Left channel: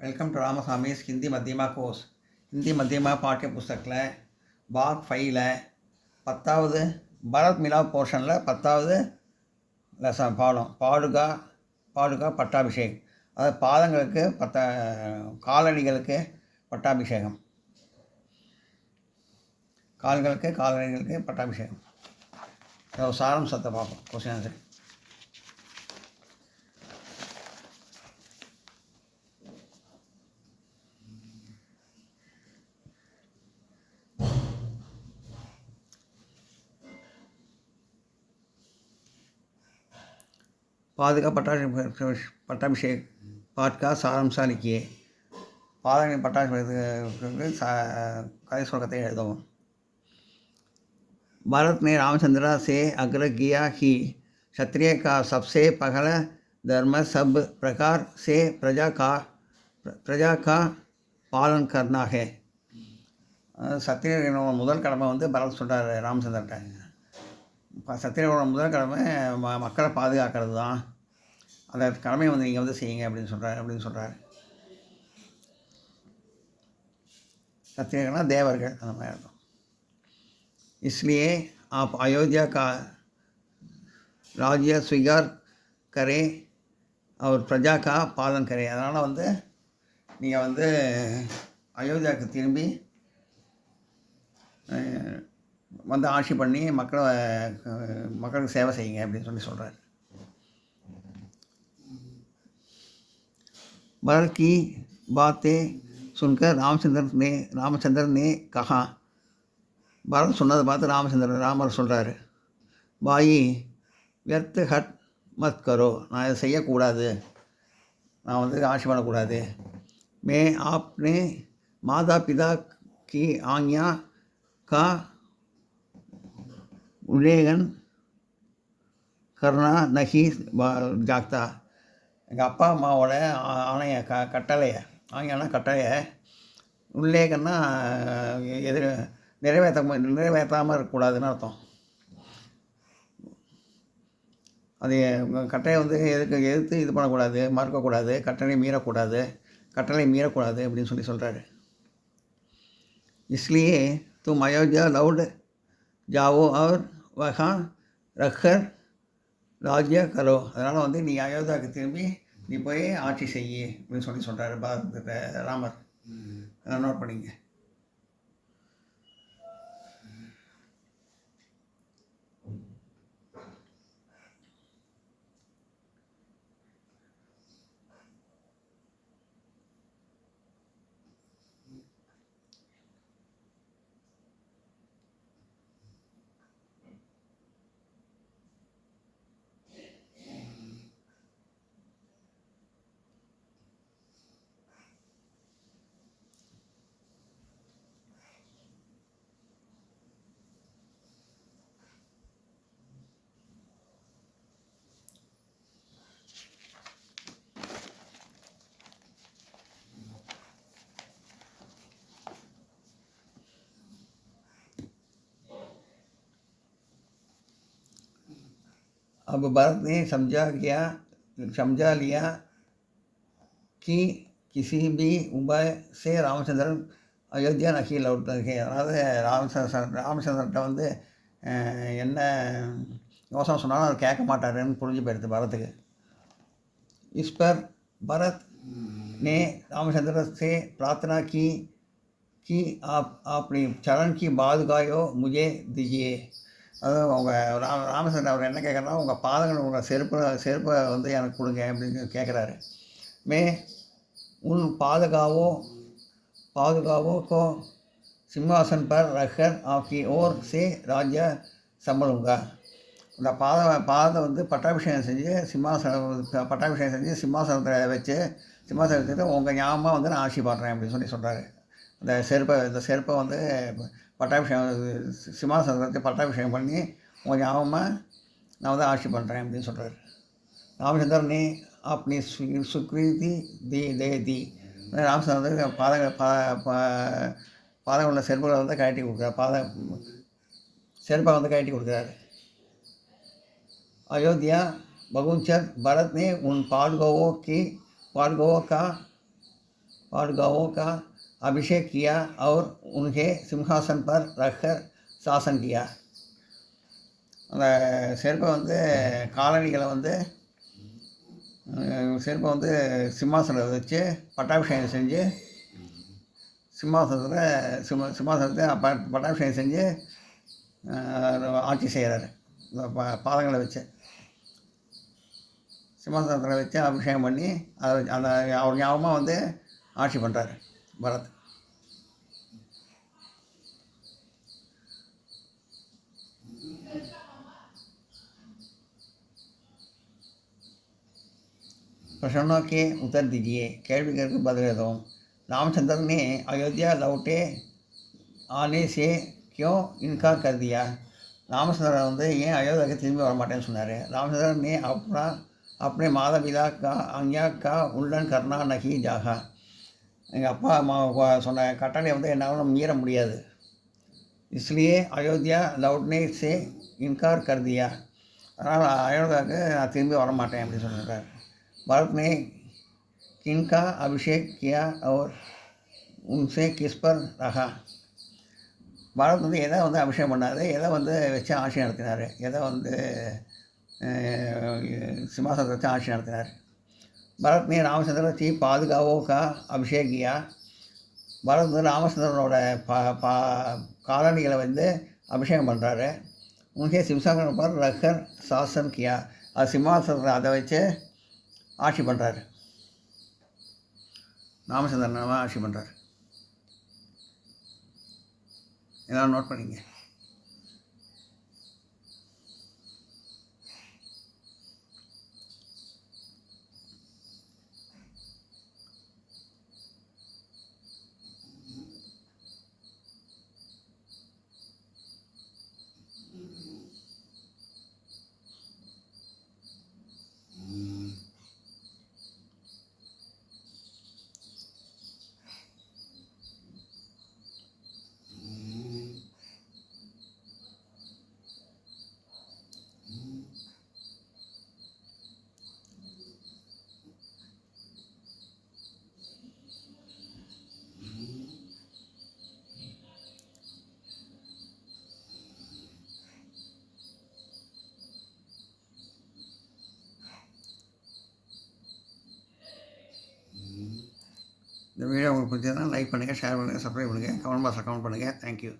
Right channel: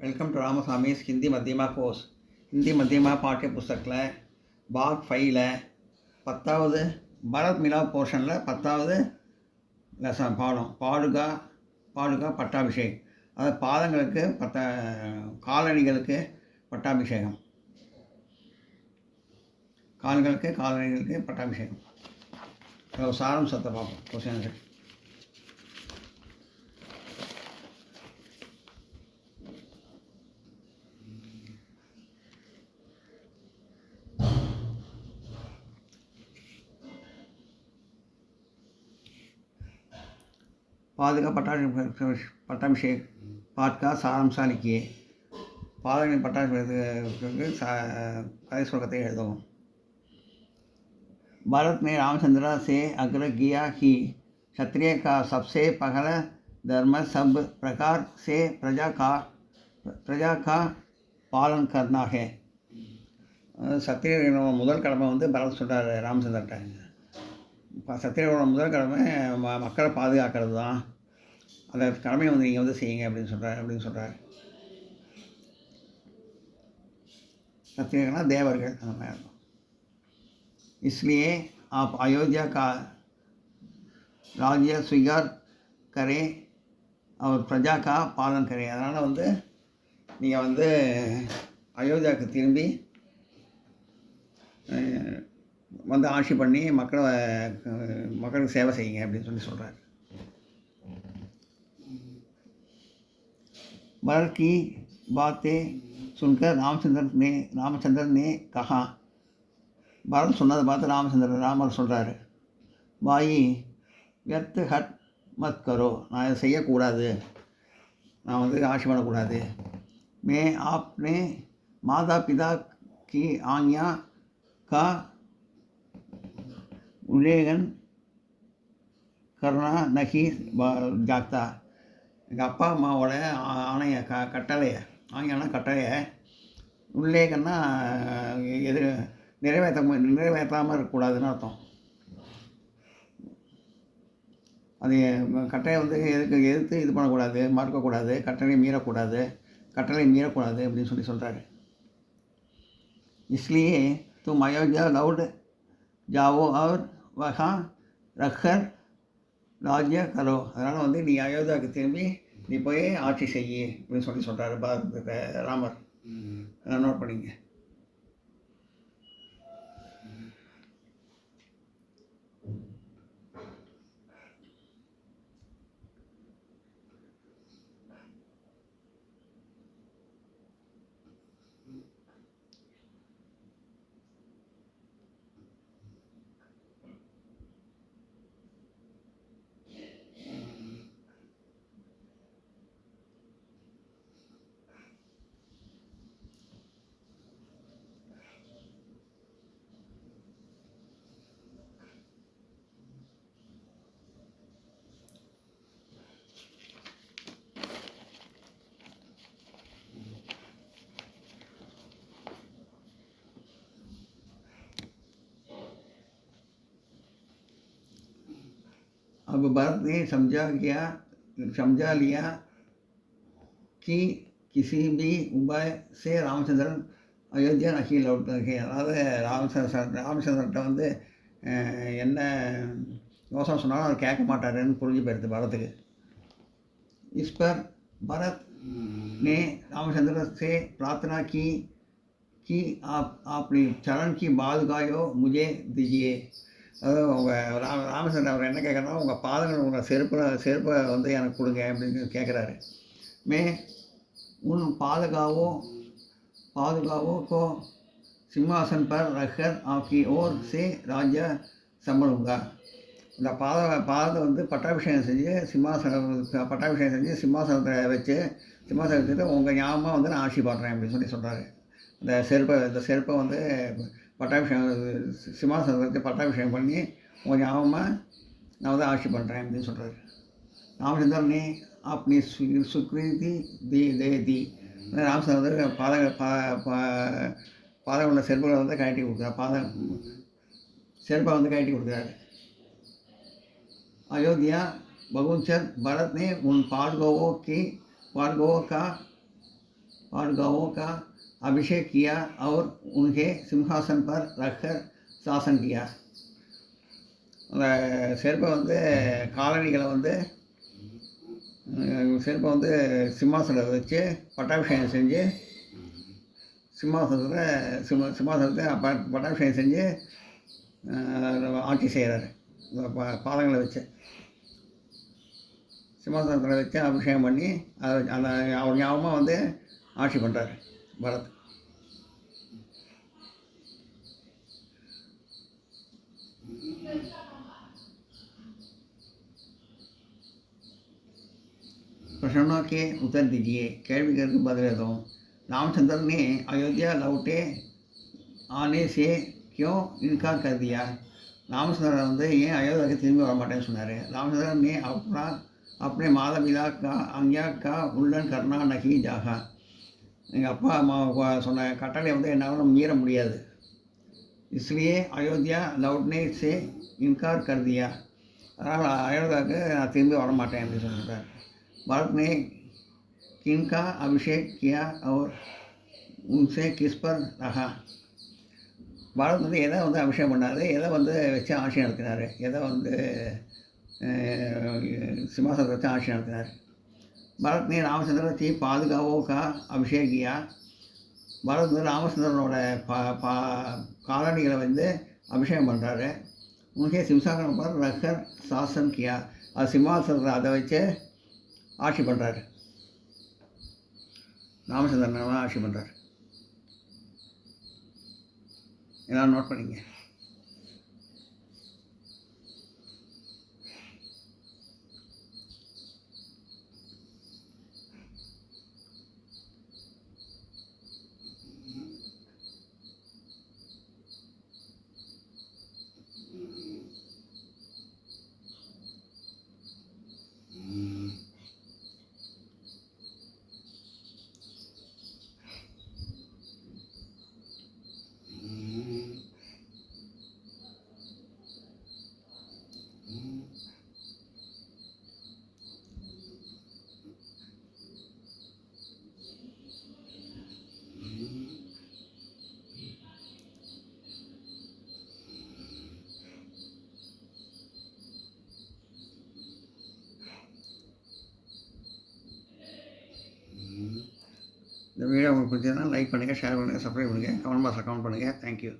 Welcome to Ramasamy's Hindi Madhyama course. Hindi Madhyama பாட்டிய புஸ்தகத்தில் பாக் 5ல் 10வது பரத் மிலாப் போர்ஷனில் 10வது லெசன் பாடம் பாடுகா பட்டாபிஷேக். அதாவது பாதங்களுக்கு காலணிகளுக்கு பட்டாபிஷேகம், காலணிகளுக்கு பட்டாபிஷேகம். சாராம்சத்தை பார்ப்போம். Question answer. पाद का पट्टाभिषेक पाठ का सारांश लिखिए. पाद में पट्टाभिषेक कई श्लोकते எழுதவும். भारत ने रामचंद्र से आग्रह किया कि क्षत्रिय का सबसे पहला धर्म सब प्रकार से प्रजा का पालन करना है. சத்திரியனோட முதல் கடமை வந்து பரத் சொல்கிறார் ராமச்சந்திரன்ட்ட. சத்திரியனோட முதல் கடமை மக்களை பாதுகாக்கிறது தான். அந்த கடமையை வந்து நீங்கள் வந்து செய்யுங்க அப்படின்னு சொல்கிறார். சத்திரியனா தேவர்கள் அந்த மாதிரி இருக்கும். इसलिए आप अयोध्या का राज्य स्वीकार करें और प्रजा का पालन करें. அதனால் வந்து நீங்கள் வந்து அயோத்தியாவுக்கு திரும்பி வந்து ஆட்சி பண்ணி மக்களுக்கு சேவை செய்யுங்க அப்படின்னு சொல்கிறார். भरत की बातें सुनकर रामचंद्र ने कहा. பரத் சொன்னதை பார்த்து ராமர் சொல்கிறாரு, பாயி व्यर्थ हट मत करो. நான் இதை செய்யக்கூடாது, நான் வந்து ஆட்சி பண்ணக்கூடாது. मैं आपने माता पिता की आज्ञा का उल्लंघन करना नहीं जागता. எங்கள் அப்பா அம்மாவோட ஆணைய கட்டளையை உல்லேகன்னா நிறைவேற்றாமல் இருக்கக்கூடாதுன்னு அர்த்தம். அது கட்டளை வந்து எதிர்த்து இது பண்ணக்கூடாது, மறுக்கக்கூடாது, கட்டளை மீறக்கூடாது அப்படின்னு சொல்கிறாரு. इसलिए तुम अयोध्या लौट जाओ और वहाँ रखकर ராஜ்யா கரோ. அதனால் வந்து நீ அயோத்தியாவுக்கு திரும்பி நீ போய் ஆட்சி செய்யி அப்படின்னு சொல்கிறாரு ராமர். நோட் பண்ணிங்க. अब भरत ने समझा लिया कि किसी भी उपाय से रामचंद्र अयोध्या नहीं लौट सके. அதாவது ராமச்சந்திரன்ட்ட வந்து என்ன யோசனை சொன்னாலும் அதை கேட்க மாட்டாருன்னு புரிஞ்சு போயிடுது பரத்துக்கு. इस पर भरत ने रामचंद्र से प्रार्थना की कि आप अपनी चरण की बाजुकायो मुझे दीजिए. அதுவும் உங்கள் ராமச்சந்திரன் அவர் என்ன கேட்குறனா, உங்கள் பாதங்கள் உங்கள் செருப்பை வந்து எனக்கு கொடுங்க அப்படின்னு கேட்குறாரு. மே உன் பாதுகாவோ को सिंहासन पर रखकर आपकी ओर से राज्य संभलूंगा. அந்த பாதத்தை வந்து பட்டாபிஷேகம் செஞ்சு சிம்மாசனத்தை வச்சுட்டு உங்கள் ஞாபகமாக வந்து நான் ஆட்சி பண்ணுறேன் அப்படின்னு சொல்கிறாரு. இந்த செருப்பை வந்து சிம்மாசனத்தை பட்டாபிஷேகம் பண்ணி உங்கள் ஞாபகமாக நான் வந்து ஆட்சி பண்ணுறேன் அப்படின்னு சொல்கிறார். ராமச்சந்திரன் ने अपनी स्वीकृति दे दी. ராமச்சந்திரன் வந்து பாதம் உள்ள செருப்பை வந்து கழட்டி கொடுக்குறாரு. செருப்பை வந்து கழட்டி கொடுக்குறாரு. अयोध्या बगुंचर भरत ने उन पांडवों का और गांवों का अभिषेक किया और उन्हें सिंहासन पर रखकर शासन किया. அந்த செருப்பை வந்து காலணிகளை வந்து செருப்பை வந்து சிம்மாசனத்தை வச்சு பட்டாபிஷேகம் செஞ்சு சிம்மாசனத்தை பட்டாபிஷேகம் செஞ்சு ஆட்சி செய்கிறாரு. இந்த பாதங்களை வச்சு சிம்மாசனத்தில் வச்சு அபிஷேகம் பண்ணி அதை அந்த அவர் ஞாபகமாக வந்து ஆட்சி பண்ணுறாரு பரத். प्रश्नों के उत्तर दीजिए. கேள்வி கேட்க பதில் எதுவும். रामचंद्र ने अयोध्या लौटे आने से क्यों इनकार कर दिया? ராமச்சந்திரன் வந்து ஏன் அயோத்தியாவுக்கு திரும்பி வர மாட்டேன்னு சொன்னார். ராமச்சந்திரன் ने अपने माता पिता का आज्ञा का उल्लंघन करना नहीं चाहा. எங்கள் அப்பா அம்மா சொன்ன கட்டளை வந்து என்னால் மீற முடியாது. इसलिए अयोध्या लौटने से इनकार कर दिया. அதனால் அயோத்தியாவுக்கு நான் திரும்பி வர மாட்டேன் அப்படின்னு சொல்லிட்டார். भरत ने किनका अभिषेक किया और उनसे किस पर रहा? பரத் வந்து எதை வந்து அபிஷேகம் பண்ணார், எதை வந்து வச்சு ஆட்சி நடத்தினார், எதை வந்து சிம்மாசனத்தை வச்சு ஆட்சி நடத்தினார். பரத் ने रामचंद्र की पादुकाओं का अभिषेक किया. பரத் வந்து ராமச்சந்திரனோட காலணிகளை வந்து அபிஷேகம் பண்ணுறாரு. உனக்கே சிம்சாசனம் पर रखकर शासन किया. அது சிம்மாசனத்தை அதை வச்சு ஆட்சி பண்ணுறாரு. ராமச்சந்திரன் ஆட்சி பண்ணுறாரு. எல்லாம் நோட் பண்ணிங்க. இந்த வீடியோ உங்களுக்கு பிடிச்சதுன்னா லைக் பண்ணுங்கள், ஷேர் பண்ணுங்கள், சப்ஸ்கிரைப் பண்ணுங்கள், கமெண்ட் பாக்ஸில் கமெண்ட் பண்ணுங்கள். தேங்க்யூ.